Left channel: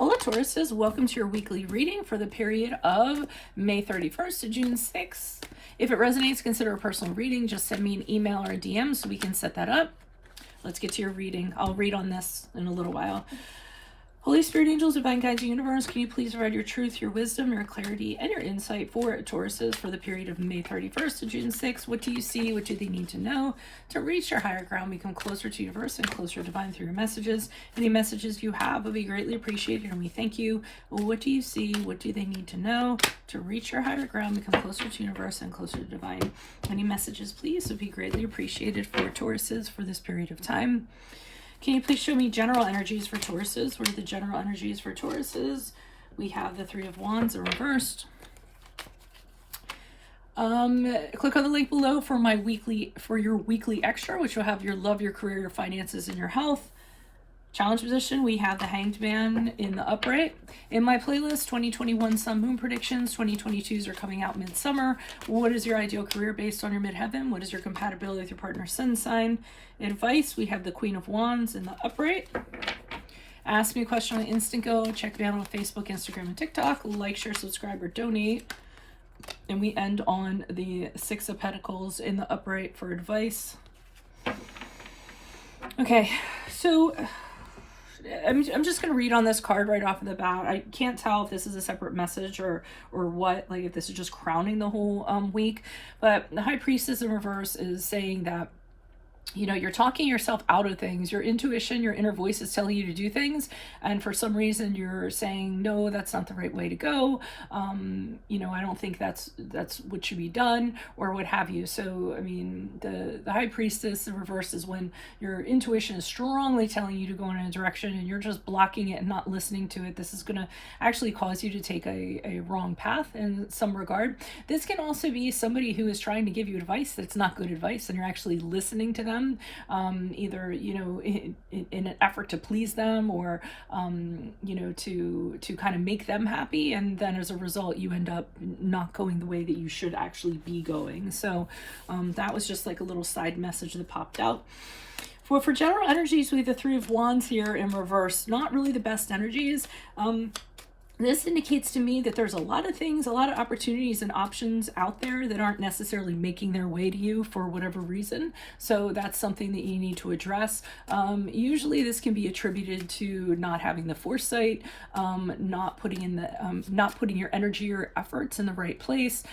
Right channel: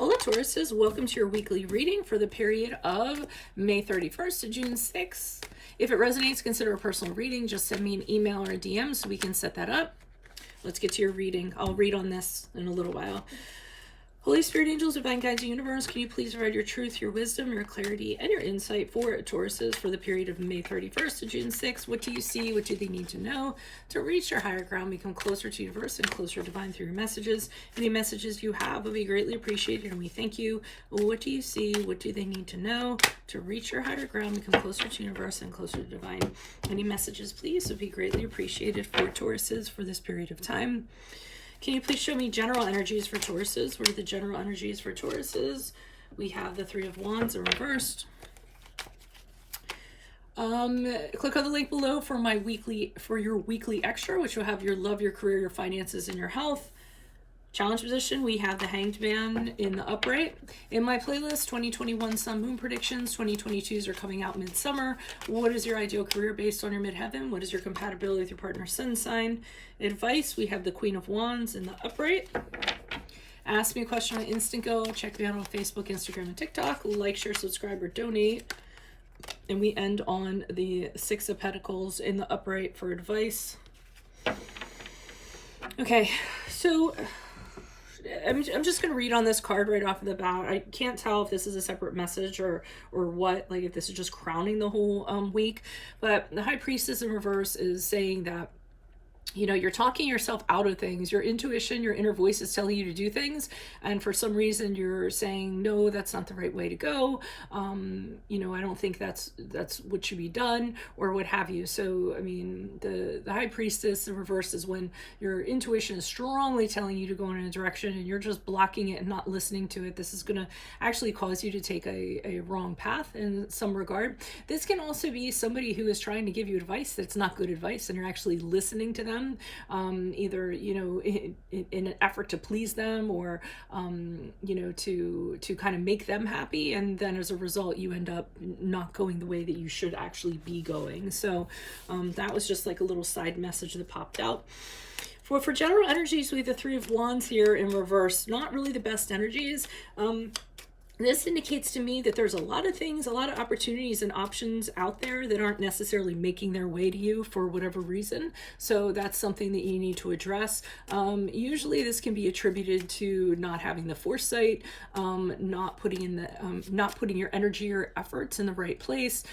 Hola Tauruses, welcome to your weekly reading for the period of May 31st to June 6th. If it resonates, consider a personal reading. Just send me an email or a DM so we can set that up. Let's get to your reading. I'll read on this in a little while. Holy Spirit, angels, divine guides, universe, can you please provide your truth, your wisdom, your clarity, and your insight for Tauruses for the period of May 31st to June 6th? What do you see? What do they need to know to reach your higher ground, become closer to universe and closer to divine through your messages? Any messages you have will be greatly appreciated, and we thank you. What do you see? What do they need to know to reach your higher ground, become closer to universe and closer to divine? Any messages, please, would be greatly appreciated for Tauruses for this period of time. Can you please show me general energies for Tauruses? What are the general energies for Tauruses? We have the Three of Wands in reversed. Click on the link below for your weekly extra, which will have your love, your career, your finances, and your health. Challenge position, we have the Hanged Man in the upright. In my playlist, 2021 Sun Moon predictions, 2022s are coming out midsummer. What is your ideal career based on your midheaven? What is your compatibility with your partner's sun sign? Advice, we have the Queen of Wands in the upright. Ask me a question on Instant Go. Check me out on Facebook, Instagram, and TikTok. Like, share, subscribe, or donate. And we end on the Six of Pentacles in the upright for advice. Okay, so I'm just going to read on this card right off of the bat. I can't tell if this is a separate message or what, like if this is just crowning the whole week. But the High Priestess in reverse is saying that, you know, you're talking yourself out of things. Your intuition, your inner voice is telling you to do things. And for some reason you're saying, no, that's not the right way to go. You know, I don't think that's what should be done or what have you. So, I mean, the High Priestess in reverse is when your intuition is strongly telling you to go in a direction and you're just blocking it and not listening to it. This is going to actually cause you to take a wrong path in some regard. This can also be somebody who is trying to give you advice that's not good advice and you're actually listening to them. Either, you know, in an effort to please them or, you know, to kind of make them happy. And then as a result, you end up not going the way that you should actually be going. So that was just like a little side message that popped out. For general energies, we have the Three of Wands here in reverse. Not really the best energies. This indicates to me that there's a lot of things, a lot of opportunities and options out there that aren't necessarily making their way to you for whatever reason. So that's something that you need to address. Usually this can be attributed to not having the foresight, not putting your energy or efforts in the right place.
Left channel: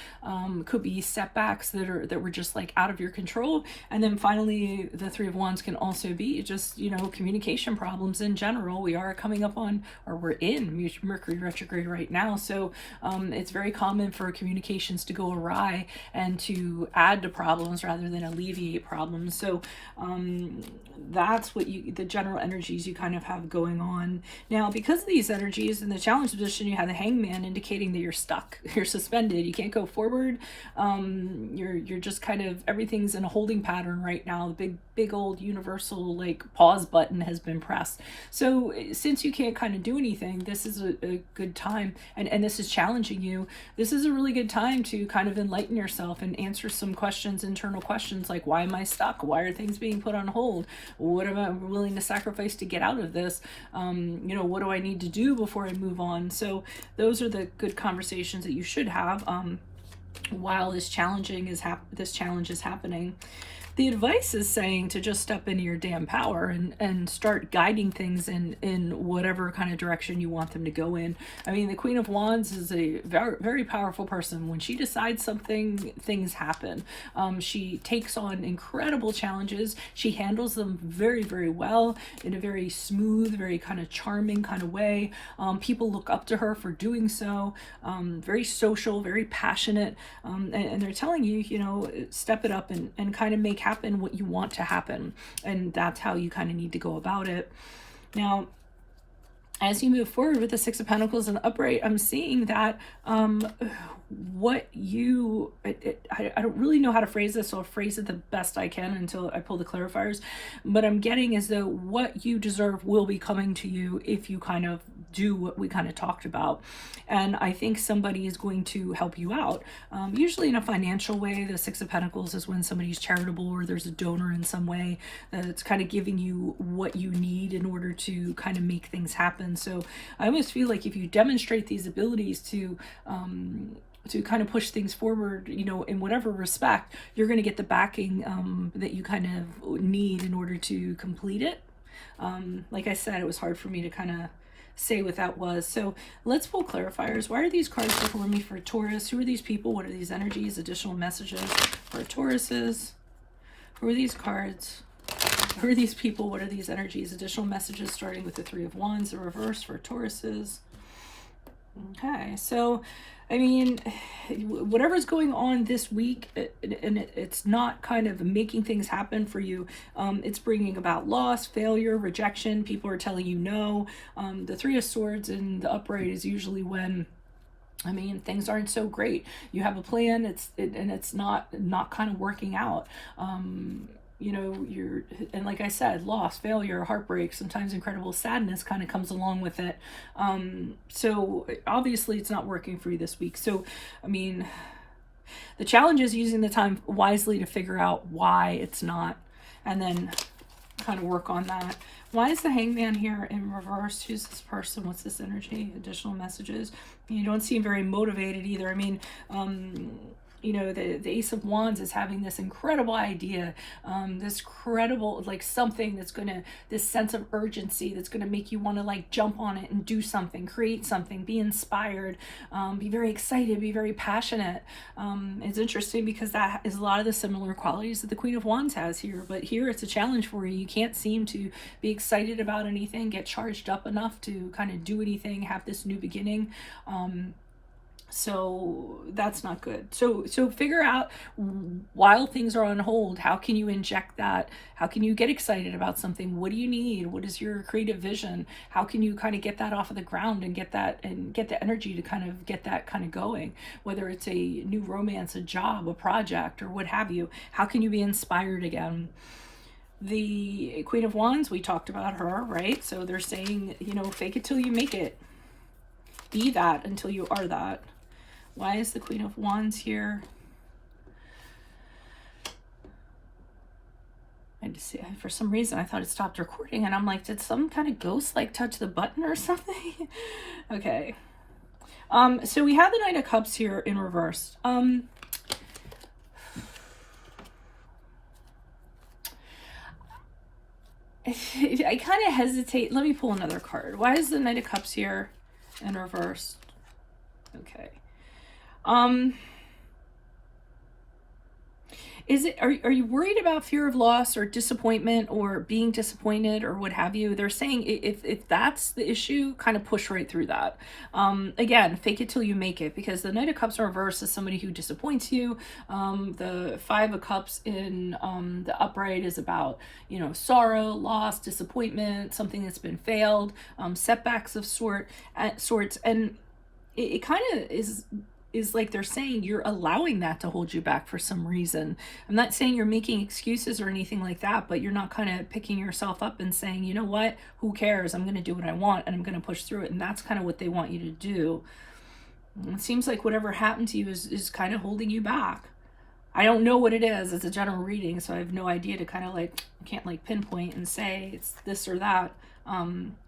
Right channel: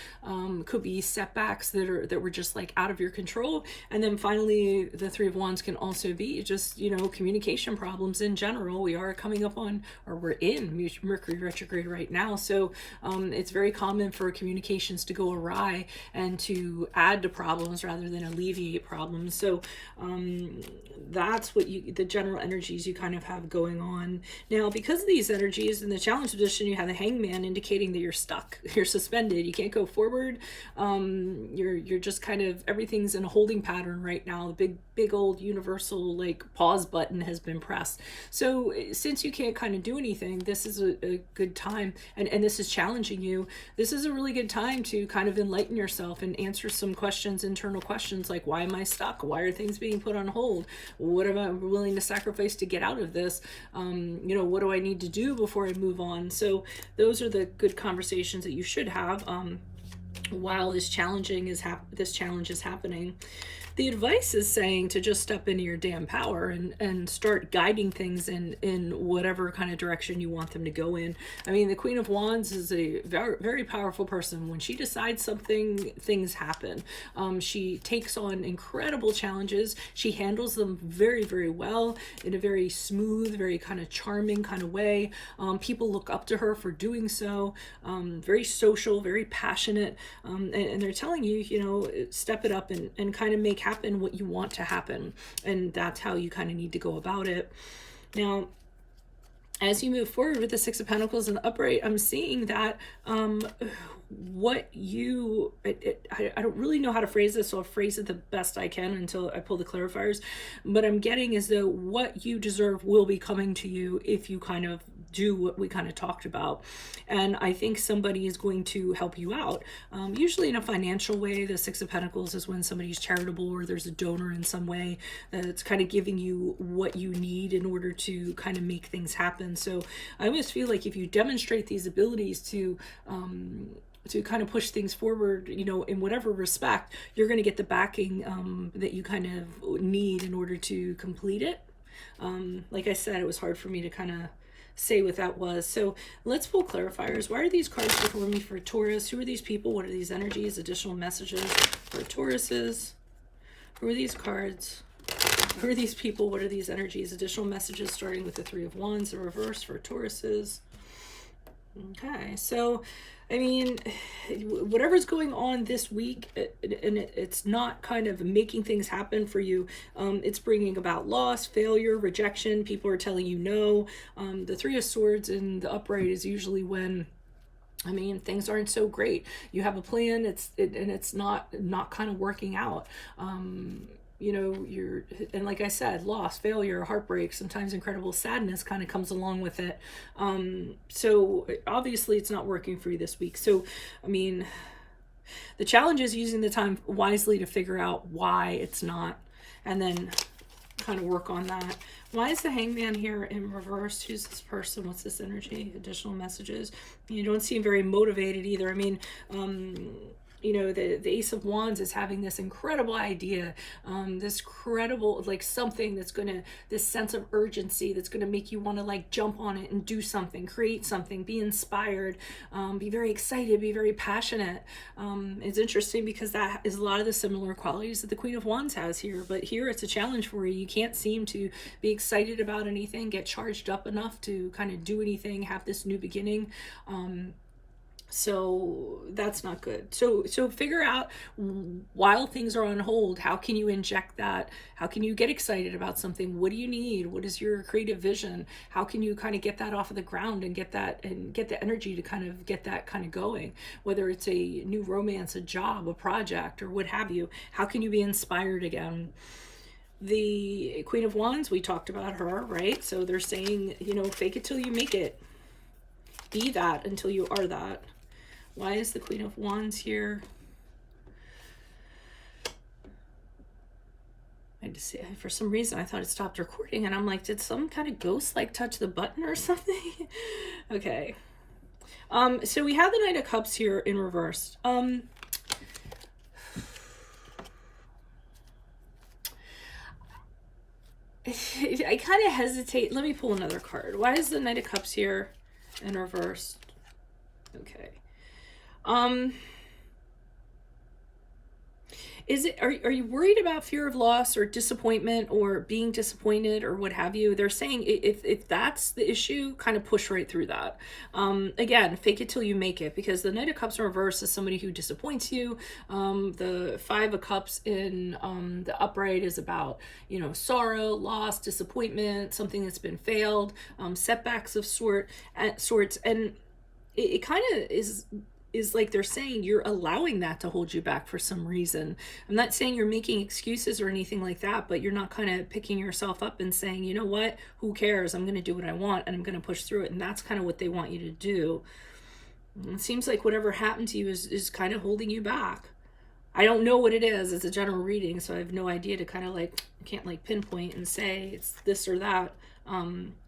Could be setbacks that were just like out of your control. And then finally, the Three of Wands can also be just, you know, communication problems in general. We are coming up on, or we're in Mercury retrograde right now, so it's very common for communications to go awry and to add to problems rather than alleviate problems. So that's what the general energies you kind of have going on now. Because of these energies in the challenge position, you have the Hangman indicating that you're stuck, you're suspended, you can't go forward. You're just kind of, everything's in a holding pattern right now. The big old universal like pause button has been pressed. So since you can't kind of do anything, this is a good time, and this is challenging you. This is a really good time to kind of enlighten yourself and answer some questions, internal questions like, why am I stuck? Why are things being put on hold? What am I willing to sacrifice to get out of this? You know, what do I need to do before I move on? So those are the good conversations that you should have while this challenge is happening. The advice is saying to just step into your damn power and start guiding things in whatever kind of direction you want them to go in. I mean, the Queen of Wands is a very, very powerful person. When she decides something, things happen. She takes on incredible challenges. She handles them very, very well in a very smooth, very kind of charming kind of way. People look up to her for doing so. Very social, very passionate. And they're telling you, you know, step it up and kind of make happen what you want to happen, and that's how you kind of need to go about it. Now, as you move forward with the Six of Pentacles in the upright, I'm seeing that what you, I don't really know how to phrase this, so I'll phrase it the best I can until I pull the clarifiers, but I'm getting is that what you deserve will be coming to you if you kind of do what we kind of talked about. And I think somebody is going to help you out, usually in a financial way. The Six of Pentacles is when somebody's charitable or there's a donor in some way that's kind of giving you what you need in order to kind of make things happen. So I almost feel like if you demonstrate these abilities to kind of push things forward, you know, in whatever respect, you're going to get the backing that you kind of need in order to complete it. Like I said, it was hard for me to kind of say what that was. So let's pull clarifiers. Why are these cards for me for Taurus? Who are these people? What are these energies? Additional messages for Tauruses. Who are these cards? Who are these people? What are these energies? Additional messages starting with the Three of Wands, the reverse for Tauruses. Okay, so I mean, whatever's going on this week, and it's not kind of making things happen for you. It's bringing about loss, failure, rejection. People are telling you no. The Three of Swords in the upright is usually when, I mean, things aren't so great. You have a plan, and it's not kind of working out. You know, and like I said, loss, failure, heartbreak, sometimes incredible sadness kind of comes along with it. So obviously it's not working for you this week. So, I mean, the challenge is using the time wisely to figure out why it's not, and then kind of work on that. Why is the Hangman here in reverse? Who's this person? What's this energy? Additional messages. You don't seem very motivated either. I mean, you know, the Ace of Wands is having this incredible idea, this credible, like something that's gonna, this sense of urgency that's gonna make you want to like jump on it and do something, create something, be inspired, be very excited, be very passionate. It's interesting because that is a lot of the similar qualities that the Queen of Wands has here, but here it's a challenge for you. You can't seem to be excited about anything, get charged up enough to kind of do anything, have this new beginning. So that's not good. So figure out, while things are on hold, how can you inject that? How can you get excited about something? What do you need? What is your creative vision? How can you kind of get that off of the ground and get the energy to kind of get that kind of going? Whether it's a new romance, a job, a project, or what have you, how can you be inspired again? The Queen of Wands, we talked about her, right? So they're saying, you know, fake it till you make it. Be that until you are that. Why is the Queen of Wands here? I just, for some reason, I thought it stopped recording, and I'm like, did some kind of ghost like touch the button or something? Okay. So we have the Knight of Cups here in reverse. I kind of hesitate. Let me pull another card. Why is the Knight of Cups here in reverse? Okay. Are you worried about fear of loss or disappointment or being disappointed or what have you? They're saying if that's the issue, kind of push right through that. Again, fake it till you make it, because the Knight of Cups in reverse is somebody who disappoints you. The Five of Cups in the upright is about, you know, sorrow, loss, disappointment, something that's been failed, setbacks of sorts, and it kind of is like they're saying you're allowing that to hold you back for some reason. I'm not saying you're making excuses or anything like that, but you're not kind of picking yourself up and saying, you know what, who cares? I'm going to do what I want and I'm going to push through it. And that's kind of what they want you to do. It seems like whatever happened to you is kind of holding you back. I don't know what it is. It's a general reading, so I have no idea to kind of like, can't like pinpoint and say it's this or that.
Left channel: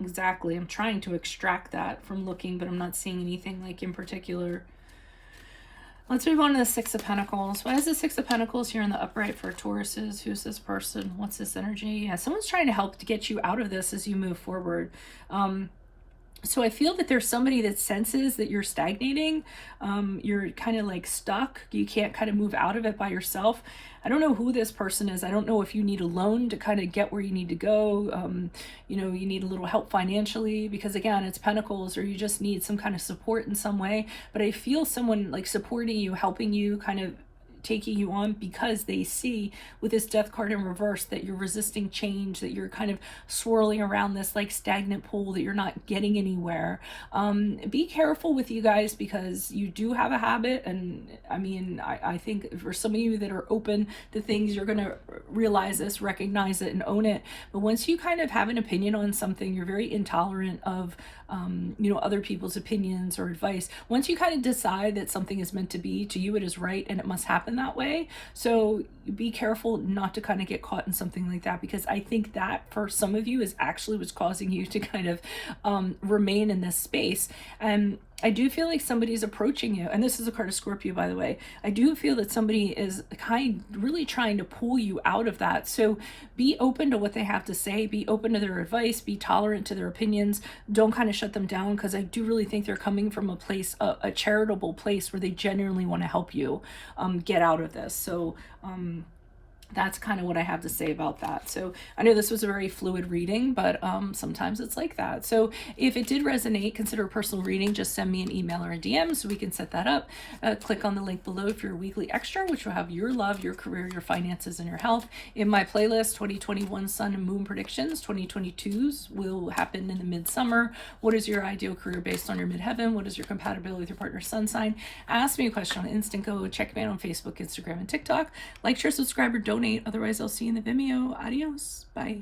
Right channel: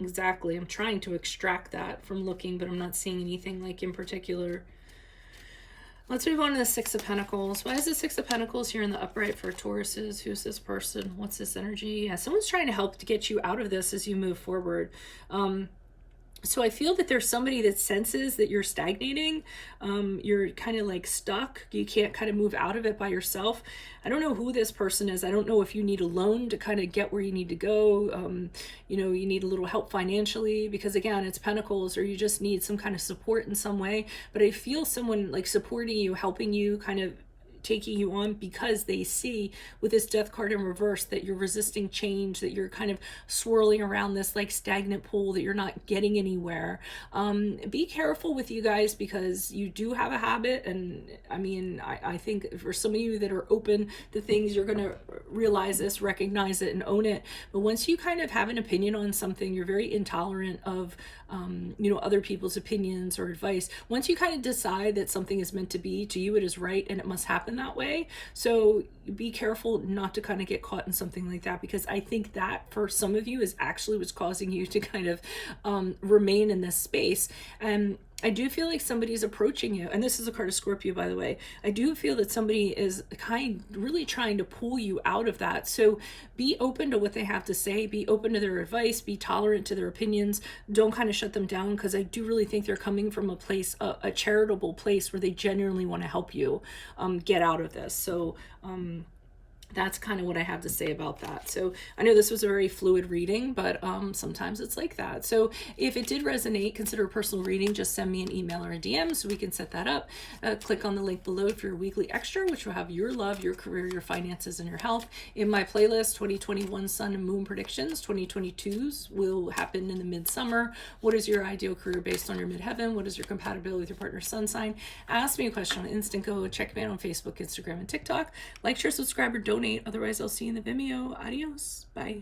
Exactly. I'm trying to extract that from looking, but I'm not seeing anything like in particular. Let's move on to the Six of Pentacles. Why is the Six of Pentacles here in the upright for Tauruses? Who's this person? What's this energy? Yeah, someone's trying to help to get you out of this as you move forward. So I feel that there's somebody that senses that you're stagnating. You're kind of like stuck. You can't kind of move out of it by yourself. I don't know who this person is. I don't know if you need a loan to kind of get where you need to go. You know, you need a little help financially because, again, it's Pentacles, or you just need some kind of support in some way. But I feel someone like supporting you, helping you kind of taking you on because they see with this death card in reverse that you're resisting change, that you're kind of swirling around this like stagnant pool, that you're not getting anywhere. Be careful with you guys, because you do have a habit. And I mean, I think for some of you that are open to things, you're going to realize this, recognize it, and own it. But once you kind of have an opinion on something, you're very intolerant of other people's opinions or advice. Once you kind of decide that something is meant to be, to you it is right and it must happen that way. So be careful not to kind of get caught in something like that, because I think that for some of you is actually what's causing you to kind of remain in this space. And I do feel like somebody's approaching you, and this is a card of Scorpio, by the way. I do feel that somebody is really trying to pull you out of that. So be open to what they have to say, be open to their advice, be tolerant to their opinions. Don't kind of shut them down, because I do really think they're coming from a place, a charitable place, where they genuinely want to help you get out of this. So that's kind of what I have to say about that. So I know this was a very fluid reading, but sometimes it's like that. So if it did resonate, consider a personal reading. Just send me an email or a DM so we can set that up. Click on the link below for your weekly extra, which will have your love, your career, your finances, and your health. In my playlist, 2021 Sun and Moon predictions, 2022's will happen in the midsummer. What is your ideal career based on your midheaven? What is your compatibility with your partner's sun sign? Ask me a question on Instant Go. Check me out on Facebook, Instagram, and TikTok. Like, share, subscribe, or donate. Otherwise, I'll see you in the Vimeo. Adios. Bye.